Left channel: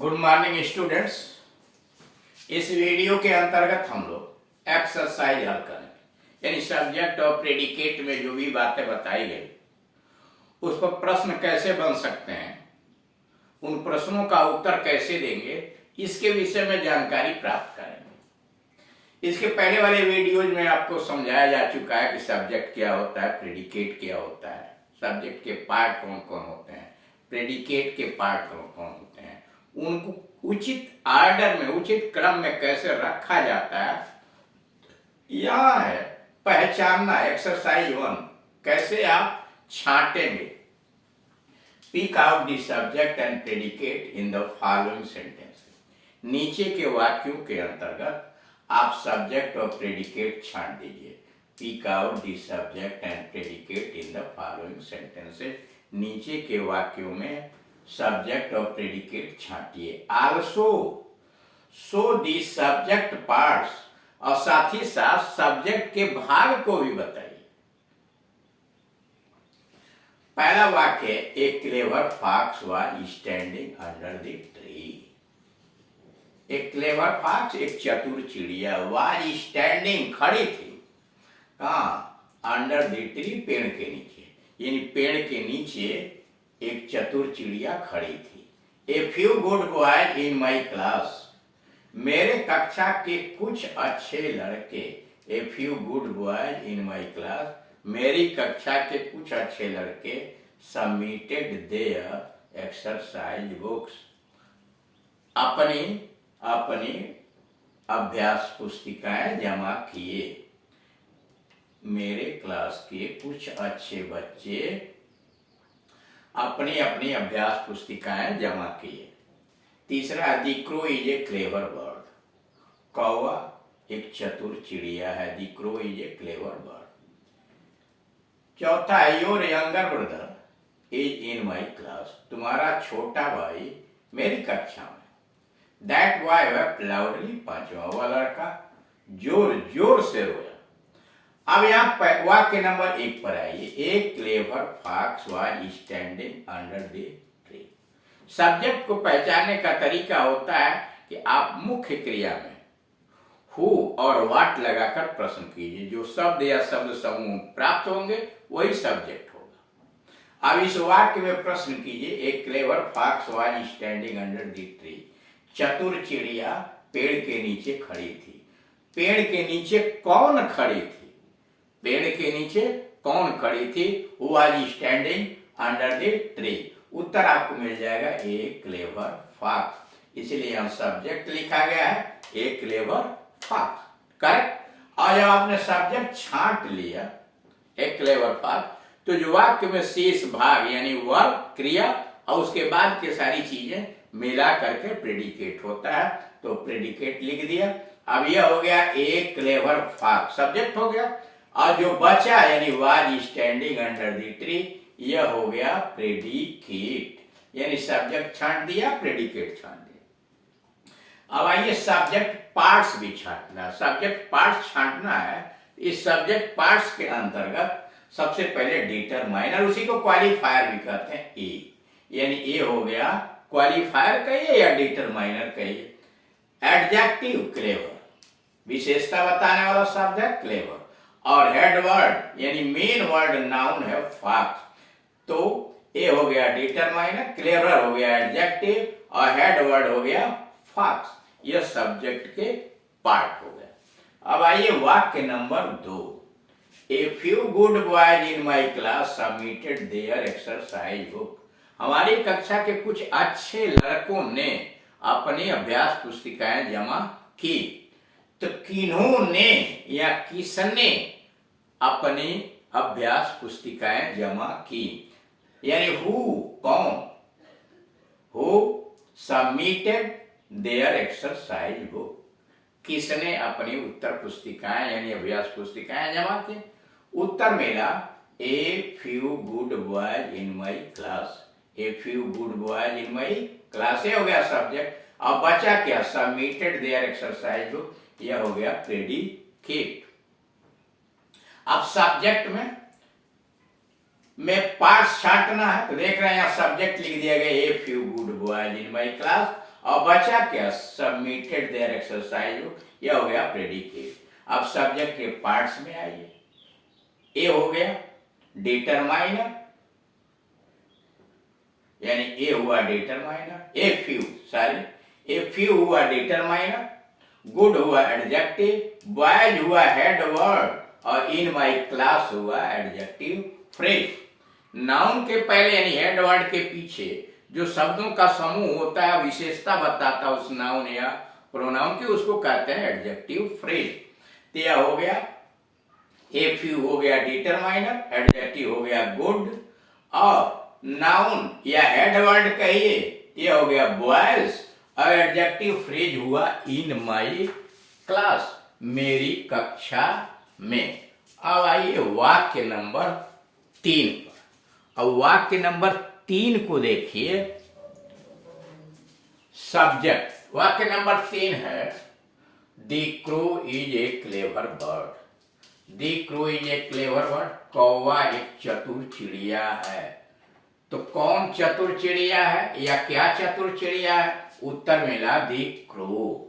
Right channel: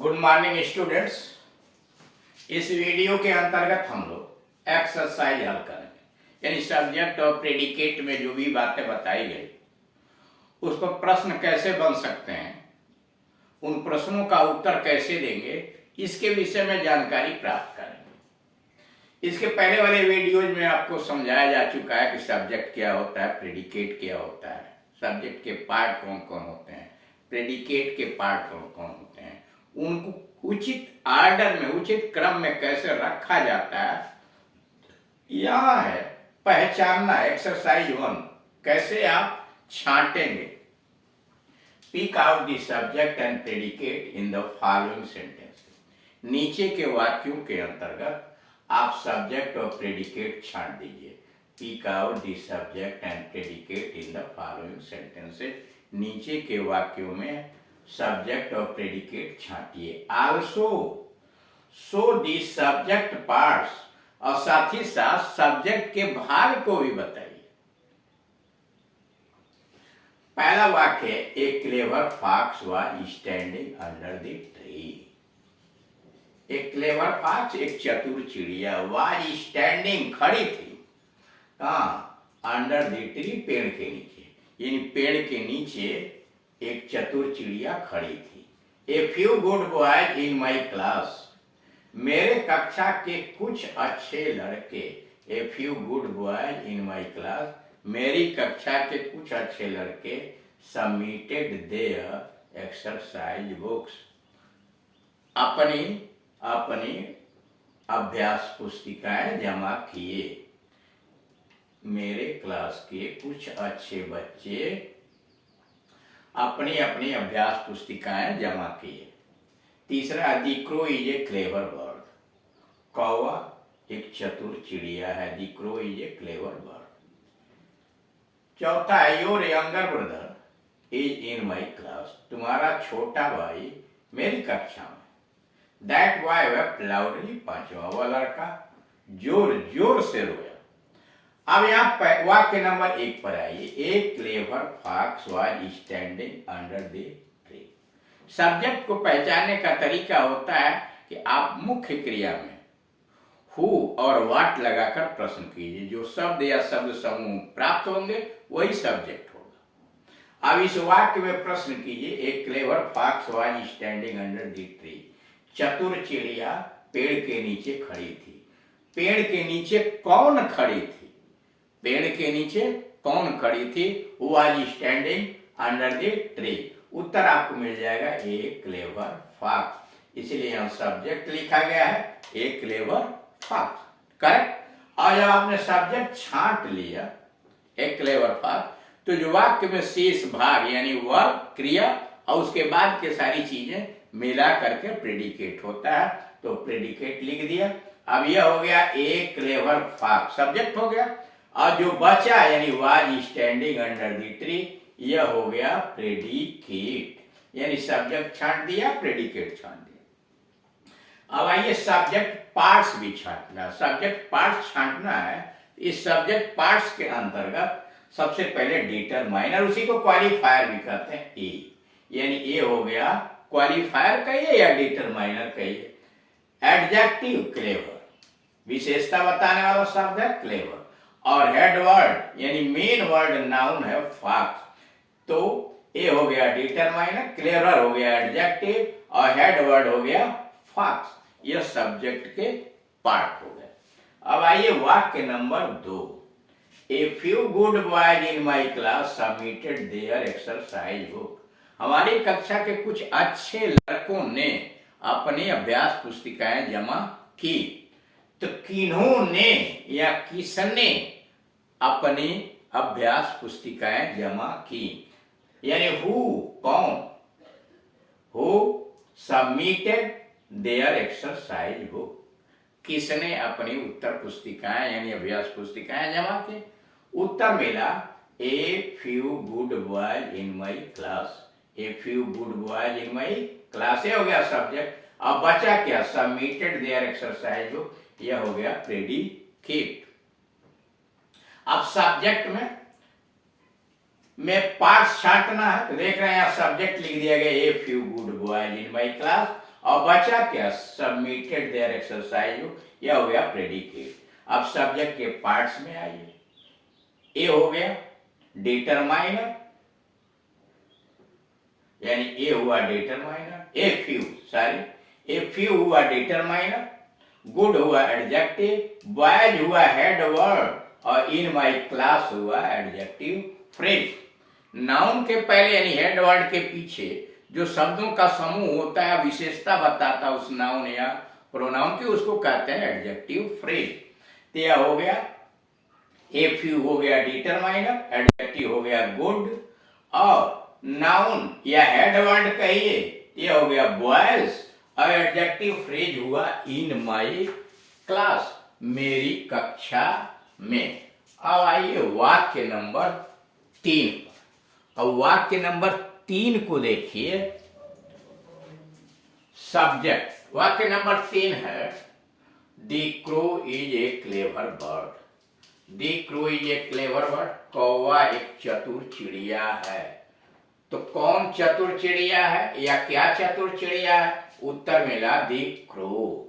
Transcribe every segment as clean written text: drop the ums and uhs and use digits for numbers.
Good morning students. इस video के अंतर्गत हम लोग एक्सरसाइज हल करेंगे, यानी सब्जेक्ट और प्रेडिकेट में जो भी बातें बताई गई उस पर प्रश्न कैसे बन सकते हैं, उन प्रश्नों का उत्तर कैसे देंगे, इसके विषय में जानकारी प्राप्त करेंगे। इसके पहले वाले वीडियोज में आपको समझाया जा चुका है कि सब्जेक्ट क्या होता है, प्रेडिकेट क्या होता है, सब्जेक्ट के पार्ट कौन कौन होते हैं, प्रेडिकेट के पार्ट कौन कौन होते हैं, उनको उचित आर्डर में, उचित क्रम में कैसे रखा जाता है। यह है पहचानना, एक्सरसाइज 1, कैसे आप छांटेंगे। Pick out the subject and predicate in the following sentence. नीचे के वाक्यों के अंतर्गत आप सब्जेक्ट और प्रेडिकेट छांट दीजिए। Pick out the subject and predicate in the following sentences. नीचे के वाक्यों में सब्जेक्ट और प्रेडिकेट छांटिए। Also show the subject parts, और साथ ही साथ सब्जेक्ट के भाग को भी बताइए। पहला वाक्य, a clever fox was standing under the tree. एक क्लेवर फॉक्स, एक चतुर चिड़िया, वाज स्टैंडिंग, खड़ी थी। कहाँ? अंडर द ट्री, पेड़ के नीचे। यानी पेड़ के नीचे एक चतुर चिड़िया खड़ी थी। A few good boys in my class, मेरे कक्षा के कुछ अच्छे लड़के। A few good boys in my class, मेरी कक्षा के कुछ अच्छे लड़के सबमिटेड देयर एक्सरसाइज बुक्स, अपनी अपनी अभ्यास पुस्तिकाएं जमा किए। मेरे क्लास के कुछ अच्छे बच्चे अपनी अपनी अभ्यास पुस्तिकाएं जमा किए। तीसरा, the crow is a clever bird, कौवा एक चतुर चिड़िया है। The crow is a clever bird. चौथा, your younger brother is in my class, तुम्हारा छोटा भाई मेरी कक्षा में। दैट बॉय वेप्ट लाउडली, पांचवा वह लड़का जोर जोर से रोया। अब यहाँ वाक्य नंबर 1 पर आइए। A clever fox was standing under the tree. Subject को पहचानने का तरीका होता है कि आप मुख्य क्रिया में हु और व्हाट लगाकर प्रश्न कीजिए। जो शब्द या शब्द समूह प्राप्त होंगे वही सब्जेक्ट होगा। अब इस वाक्य में प्रश्न कीजिए। A clever fox was standing under the tree, चतुर चिड़िया पेड़ के नीचे खड़ी थी। पेड़ के नीचे कौन खड़ी थी? पेड़ के नीचे कौन खड़ी थी? Who was standing under the tree. उत्तर आपको मिल जाएगा ए क्लेवर फॉक्स। इसलिए यहां सब्जेक्ट लिखा गया है ए क्लेवर फॉक्स, करेक्ट। और जब आपने सब्जेक्ट छांट लिया ए क्लेवर फॉक्स, तो जो वाक्य में शेष भाग यानी वर्ब, क्रिया और उसके बाद के सारी चीजें मिला करके प्रेडिकेट होता है। तो प्रेडिकेट लिख दिया। अब यह हो गया ए क्लेवर फॉक्स, सब्जेक्ट हो गया। और जो बचा यानी was standing under the tree, यह हो गया प्रेडिकेट। यानी सब्जेक्ट छांट दिया, प्रेडिकेट छांट दिया। अब आइए सब्जेक्ट पार्ट्स भी छांटना है। सब्जेक्ट पार्ट्स छांटना है। इस सब्जेक्ट पार्ट्स के अंतर्गत सबसे पहले डिटरमाइनर, उसी को क्वालिफायर भी कहते हैं, ए। यानी ए हो गया क्वालिफायर कहिए या डिटरमाइनर कहिए। एडजेक्टिव क्लेवर, विशेषता बताने वाला शब्द है क्लेवर। और हेड वर्ड यानी मेन वर्ड नाउन है फॉक्स। तो ए हो गया डिटरमाइनर, क्लेवर हो गया एडजेक्टिव और हेड वर्ड हो गया फॉक्स। यह सब्जेक्ट के पार्ट हो गए। अब आइए वाक्य number 2। A few good boys in my class submitted there exercise book, हमारी कक्षा के कुछ अच्छे लड़कों ने अपनी अभ्यास पुस्तिकाएं जमा की। तो किन्होंने या किसने अपनी अभ्यास पुस्तिकाएं जमा की? यानी हु, कौन, who submitted there exercise book, किसने अपनी उत्तर पुस्तिकाएं यानी अभ्यास पुस्तिकाएं जमा की? उत्तर मिला a few good boys in my class. A few good boys in my class, ये हो गया सब्जेक्ट। अब बचा क्या? सबमिटेड देयर एक्सरसाइज बुक, यह हो गया प्रेडिकेट। अब सब्जेक्ट में पार्ट्स छांटना है। तो देख रहे हैं यहाँ सब्जेक्ट लिख दिया गया a few good boys in my class, और बचा क्या, सबमिटेड देयर एक्सरसाइज, यह हो गया प्रेडिकेट। अब सब्जेक्ट के पार्ट्स में आइए। ए हो गया डिटरमाइनर, यानी ए हुआ डिटरमाइनर, ए फ्यू हुआ डिटरमाइनर, गुड हुआ एडजेक्टिव, बॉयज हुआ हेड वर्ड, और इन माई क्लास हुआ एडजेक्टिव फ्रेज। नाउन के पहले यानी हेड वर्ड के पीछे जो शब्दों का समूह होता है, विशेषता बताता है उस नाउन या प्रोनाउन की, उसको कहते हैं एडजेक्टिव फ्रेज। तो यह हो गया ए फ्यू हो गया डिटरमाइनर, एडजेक्टिव हो गया गुड, और नाउन या हेड वर्ड कहिए यह हो गया बॉयज, और एडजेक्टिव फ्रेज हुआ इन माई क्लास, मेरी कक्षा में। अब आइए वाक्य नंबर 3 पर। अब वाक्य नंबर 3 को देखिए। सब्जेक्ट वाक्य नंबर 3 है the crow is a clever bird. The crow is a clever bird, कौवा एक चतुर चिड़िया है। तो कौन चतुर चिड़िया है या क्या चतुर चिड़िया है? उत्तर मिला द क्रो।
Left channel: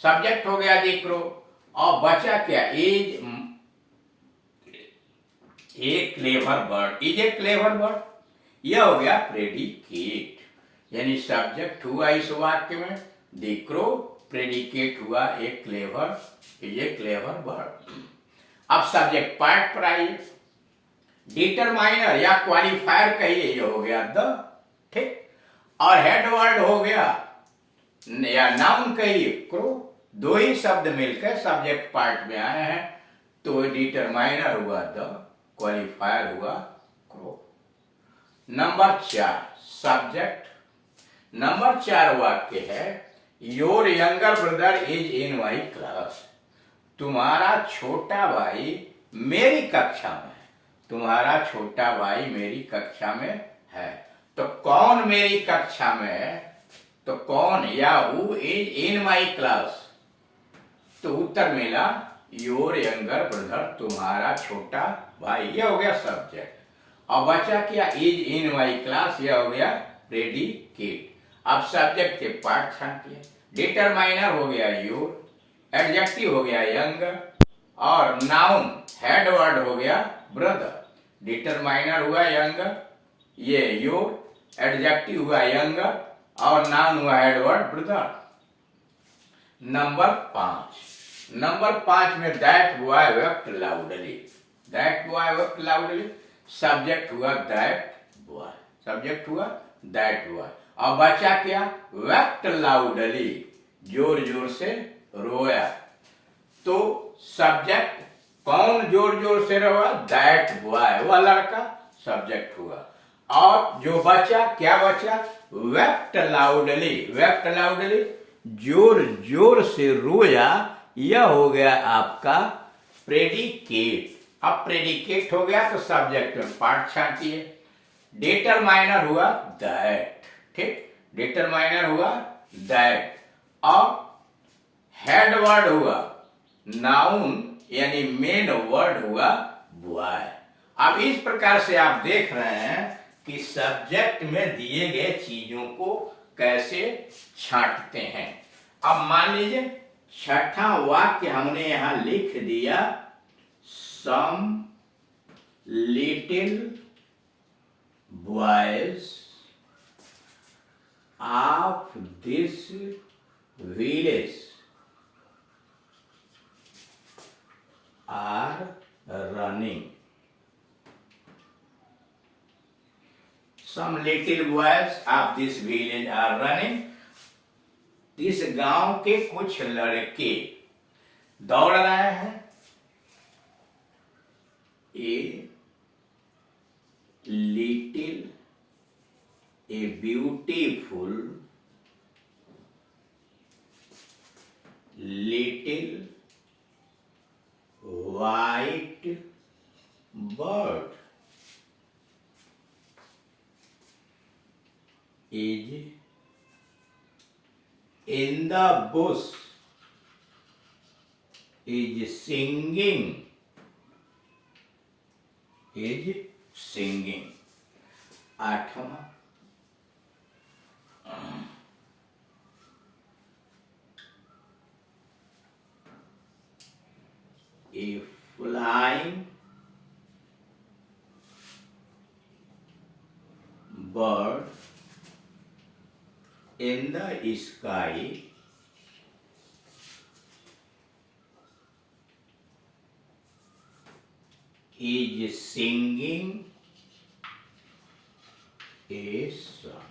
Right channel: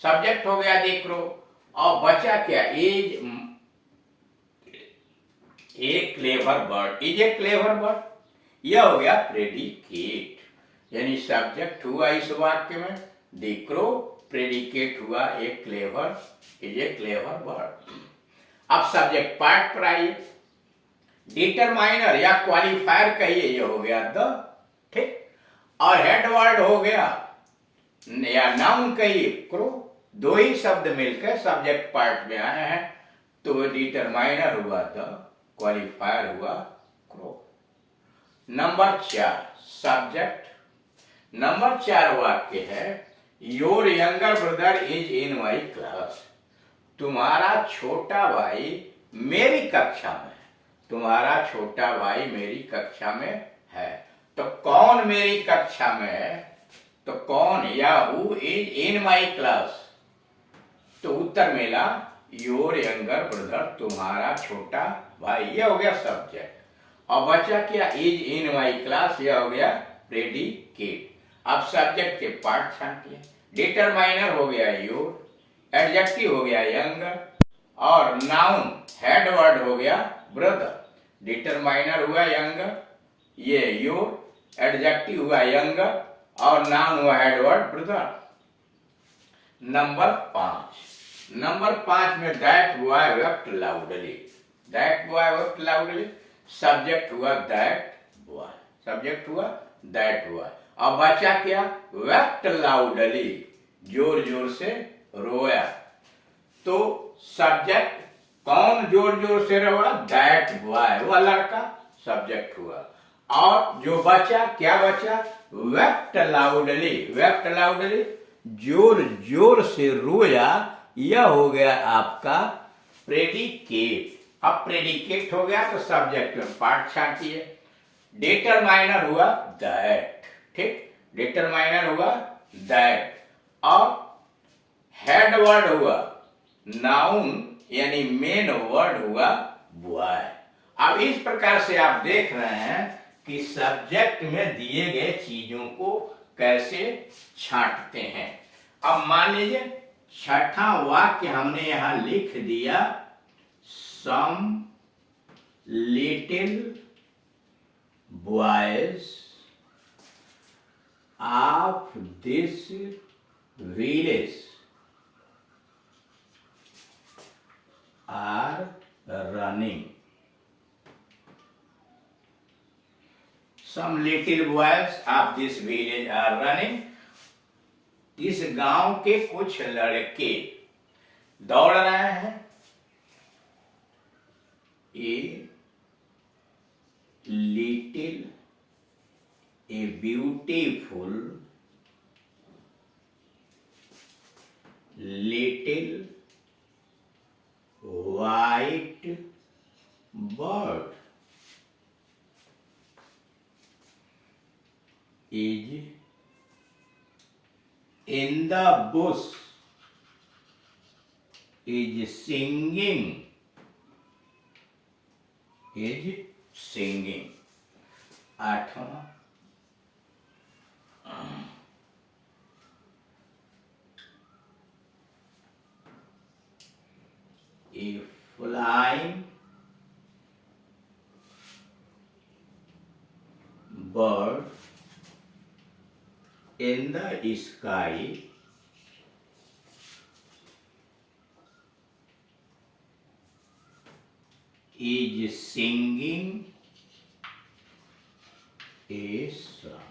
सब्जेक्ट हो गया द क्रो, और बचा क्या, is a clever bird, is a clever bird, यह हो गया प्रेडिकेट। यानी सब्जेक्ट हुआ इस वाक्य में द क्रो, प्रेडिकेट हुआ a clever, is a clever bird. अब सब्जेक्ट पार्ट पर आइए। डिटरमाइनर या क्वालिफायर कहिए, यह हो गया द, ठीक, और हेड वर्ड हो गया या नाउन कहिए क्रो। दो ही शब्द मिलकर सब्जेक्ट पार्ट में आए हैं, तो डिटरमाइनर हुआ द, क्वालिफायर हुआ क्रो। Number 4 subject. नंबर 4 वाक्य है your younger brother is in my class. तुम्हारा छोटा भाई मेरी कक्षा में है। तुम्हारा छोटा भाई मेरी कक्षा में है। तो कौन मेरी कक्षा में है? तो कौन या who is in my class? तो उत्तर मिला योर यंगर ब्रदर, तुम्हारा छोटा भाई, यह हो गया सब्जेक्ट। और बचा क्या, इज इन माई क्लास, यह हो गया प्रेडिकेट। अब सब्जेक्ट के पार्ट छांटिए। डिटरमाइनर हो गया योर, एडजेक्टिव हो गया यंगर, और नाउन हेड वर्ड हो गया ब्रदर। डिटरमाइनर हुआ यंगर, ये योर, एडजेक्टिव हुआ यंगर, और नाउन हुआ हेड वर्ड ब्रदर। नंबर 5 में that boy wept loudly. That boy wept loudly, subject हुआ दैट बॉय, सब्जेक्ट हुआ दैट बॉय, और बचा क्या, वेप्ट लाउडली, जोर जोर से रोया। तो सब्जेक्ट कौन जोर जोर से रोया? दैट बॉय, वह लड़का, सब्जेक्ट हुआ। और जो बचा, क्या बचा, वेप्ट लाउडली, वेप्ट लाउडली, जोर जोर से रोया, यह हो गया आपका प्रेडिकेट। अब प्रेडिकेट हो गया तो सब्जेक्ट में पार्ट छांटिए। डिटरमाइनर हुआ दैट, ठीक, डिटरमाइनर हुआ दैट, और हेड वर्ड हुआ नाउन यानी मेन वर्ड हुआ बॉय। अब इस प्रकार से आप देख रहे हैं कि सब्जेक्ट में दिए गए चीजों को कैसे छांटते हैं। अब मान लीजिए छठा वाक्य हमने यहां लिख दिया, some little boys of this village are running. Some little boys of this village are running. इस गांव के कुछ लड़के दौड़ रहे हैं। A little, a beautiful little white bird is in the bush, is singing, is singing। 8वां flying bird in the sky is singing a song.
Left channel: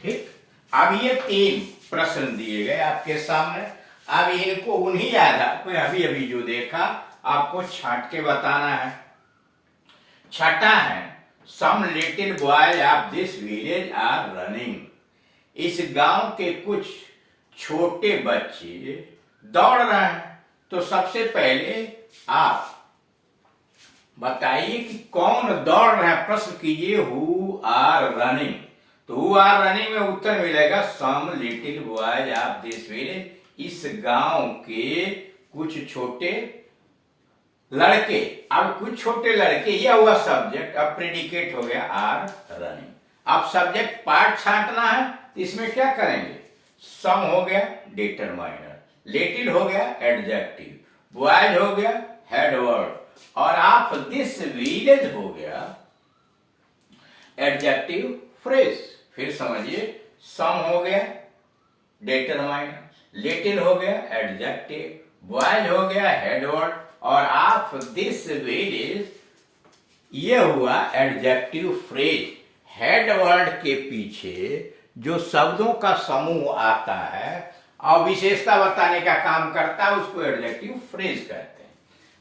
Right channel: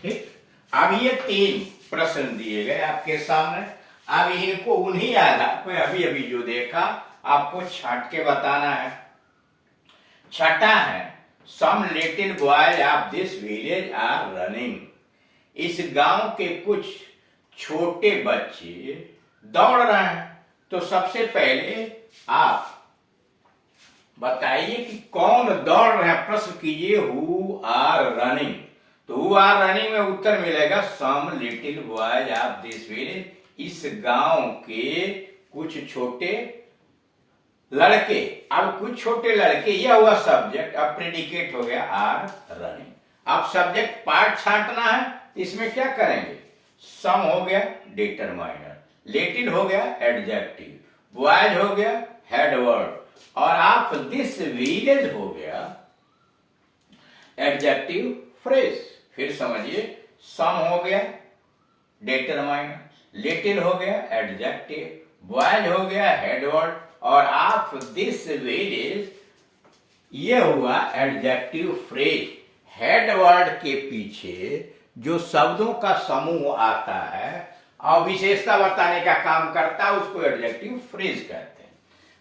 ठीक, अब ये 3 प्रश्न दिए गए आपके सामने। अब इनको उन्हीं आधार पे अभी अभी जो देखा आपको छाट के बताना है। छठा है, some little boys of this village are running. इस गांव के कुछ छोटे बच्चे दौड़ रहे हैं। तो सबसे पहले आप बताइए कि कौन दौड़ रहे हैं, प्रश्न कीजिए हु आर रनिंग। तो हु आर रनिंग में उत्तर मिलेगा some little boys of this village. इस गांव के कुछ छोटे लड़के। अब कुछ छोटे लड़के, यह हुआ सब्जेक्ट, अब प्रेडिकेट हो गया आर रनिंग। अब सब्जेक्ट पार्ट छांटना है, तो इसमें क्या करेंगे, सम हो गया डिटरमाइनर, लिटिल हो गया एडजेक्टिव, बॉयज हो गया हेड वर्ड, और आप दिस विलेज हो गया एडजेक्टिव फ्रेज। फिर समझिए, सम हो गया डिटरमाइनर, लिटिल हो गया एडजेक्टिव, बॉयज हो गया हेड वर्ड, और आप दिस विलेज ये हुआ एडजेक्टिव फ्रेज। हेड वर्ड के पीछे जो शब्दों का समूह आता है और विशेषता बताने का काम करता है उसको एडजेक्टिव फ्रेज कहते हैं।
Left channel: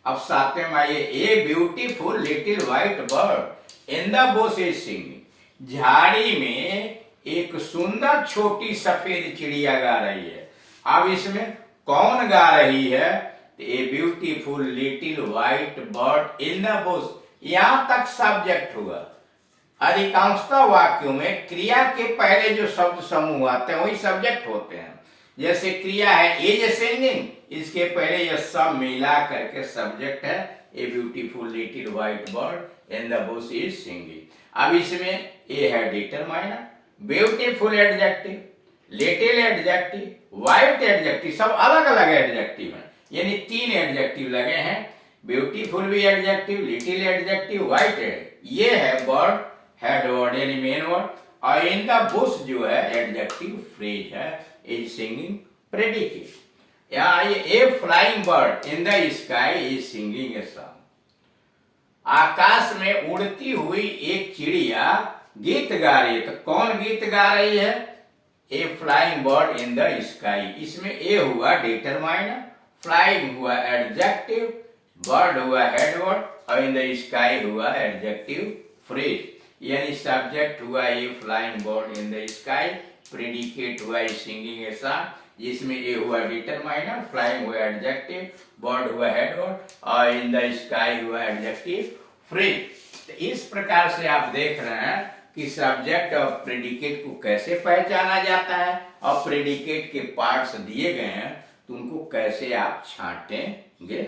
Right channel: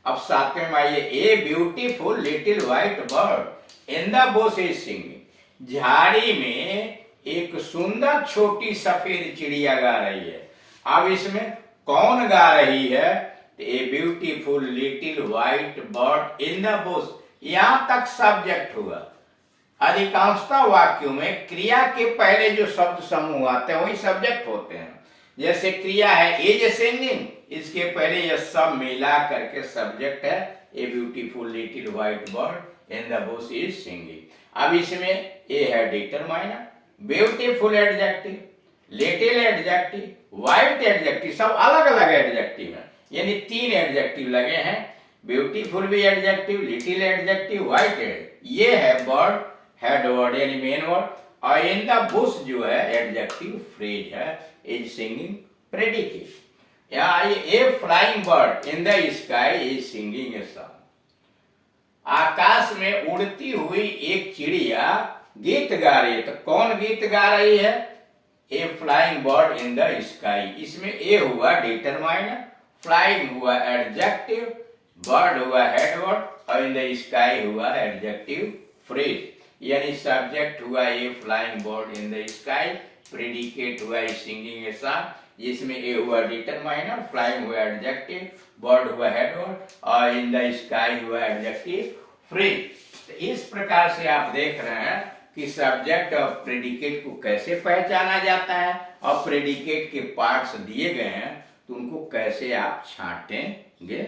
अब 7वें में आइए, a beautiful little white bird in the Bush is singing. झाड़ी में एक सुंदर छोटी सफेद चिड़िया गा रही है। अब इसमें कौन गा रही है, a beautiful little white bird in the Bush. यहां तक सब्जेक्ट हुआ। अधिकांशतः वाक्यों में क्रिया के पहले जो शब्द समूह आते हैं वही सब्जेक्ट होते हैं। जैसे क्रिया है इज सिंगिंग, इसके पहले यह सब मिला करके सब्जेक्ट है, a beautiful little white bird in the Bush is singing. अब इसमें ए है determiner, beautiful adjective, little adjective, white adjective, सब अलग अलग एडजेक्टिव है, यानी 3 एडजेक्टिव लगे हैं। ब्यूटीफुल भी एडजेक्टिव, लिटिल एडजेक्टिव, व्हाइट एड, ये है बर्ड हेड वर्ड यानी मेन वर्ड, और इन द बुश जो है एडजेक्टिव फ्रेज है, इज सिंगिंग प्रेडिकेट। यहाँ ये a flying bird in the sky is singing a song. आकाश में उड़ती हुई एक चिड़िया गीत गा रही है। तो कौन गीत गा रही है, a flying bird in the sky. इसमें ए हुआ डिटरमाइनर, फ्लाइंग हुआ एडजेक्टिव, बर्ड हुआ हेड वर्ड, और इन द स्काई हुआ एडजेक्टिव फ्रेज। यानी सब्जेक्ट हुआ a flying bird in the sky, predicate हुआ सिंगिंग ए सॉन्ग, जिसमें ए हुआ डिटरमाइनर, फ्लाइंग हुआ एडजेक्टिव, बर्ड हुआ हेड वर्ड, और इन द स्काई हुआ एडजेक्टिव फ्रेज। तो इस प्रकार से आप देख रहे हैं कि सब्जेक्ट और प्रेडिकेट को कैसे पहचाना जाता है, और प्रेडिकेट के पार्ट्स दिए गए हैं तो उनको कैसे आप छांटेंगे।